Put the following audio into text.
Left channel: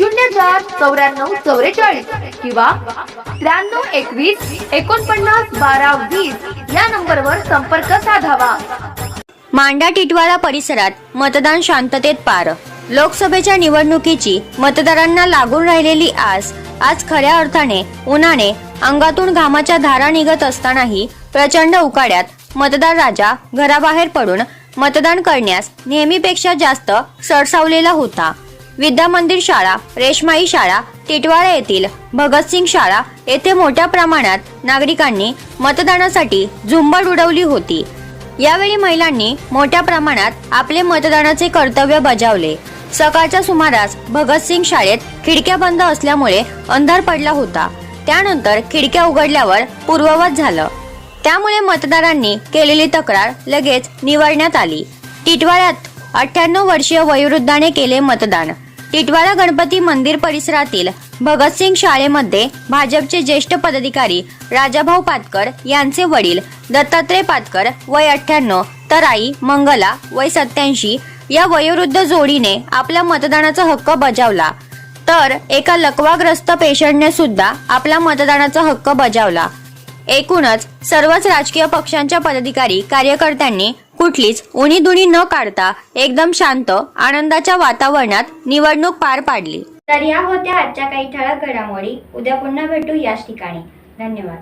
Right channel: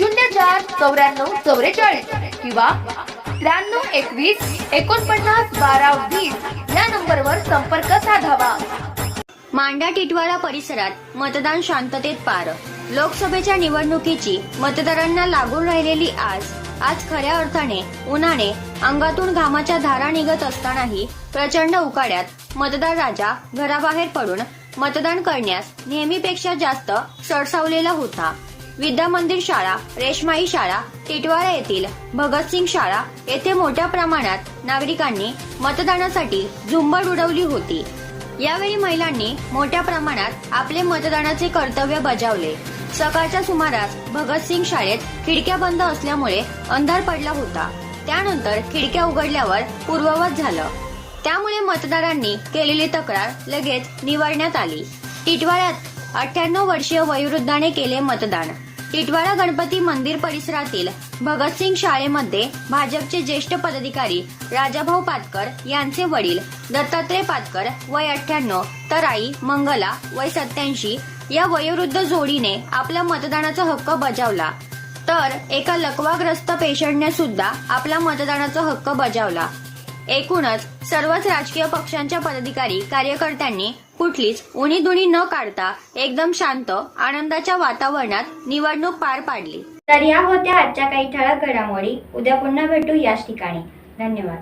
शून्य चार चौऱ्याण्णव चौवेचाळीस किंवा त्र्याण्णव एकवीस एकोणपन्नास बारा वीस या नंबरवर संपर्क साधावा. मांडा टिटवाळा परिसरात मतदान शांततेत पार. लोकसभेच्या निवडणुकीची मतदारांना लागून राहिलेली आस आज खऱ्या अर्थाने उन्हाने अंगातून घामाच्या धारा निघत असतानाही प्रचंड उकाड्यात मतदार राजा घराबाहेर पडून मतदान करण्यास नेहमीपेक्षा जास्त सरसावलेला होता. विद्या मंदिर शाळा रेशमाई शाळा टिटवाळा येथील भगतसिंग शाळा येथे मोठ्या प्रमाणात नागरिकांनी मतदानासाठी झुंबड उडवली होती. यावेळी महिलांनी मोठ्या प्रमाणात आपले मतदानाचे कर्तव्य बजावले. सकाळच्या सुमारास भगतसिंग शाळेत खिडक्या बंद असल्यामुळे अंधार पडला होता. त्यानंतर खिडक्या उघडल्यावर पूर्ववत झालं. त्यामुळे मतदारांनी केलेली तक्रार लगेच निवडण्यात आली. टिटवाळ्यात अठ्ठ्याण्णव वर्षीय वयोवृद्धाने केले मतदान. टिटवाळा गणपती मंदिर परिसरातील भगतसिंग शाळेमध्ये भाजपचे ज्येष्ठ पदाधिकारी राजाभाऊ पातकर यांचे वडील दत्तात्रय पातकर वय अठ्ठ्याण्णव तर आई मंगला वय सत्याऐंशी या वयोवृद्ध जोडीने आपला मतदानाचा हक्क बजावला. तर एका लकवाग्रस्त पेशंटने सुद्धा आपला मतदानाचा हक्क बजावला. एकूणच सर्वच राजकीय पक्षांच्या पदाधिकारी कार्यकर्त्यांनी कुठलीच उणीधुणी न काढता एकदम शांत आनंदाच्या वातावरणात निवडणूक पार पाडली. तर या होत्या आजच्या काही ठळक घडामोडी. उद्या पुन्हा भेटू याच ठिकाणी. धन्यवाद.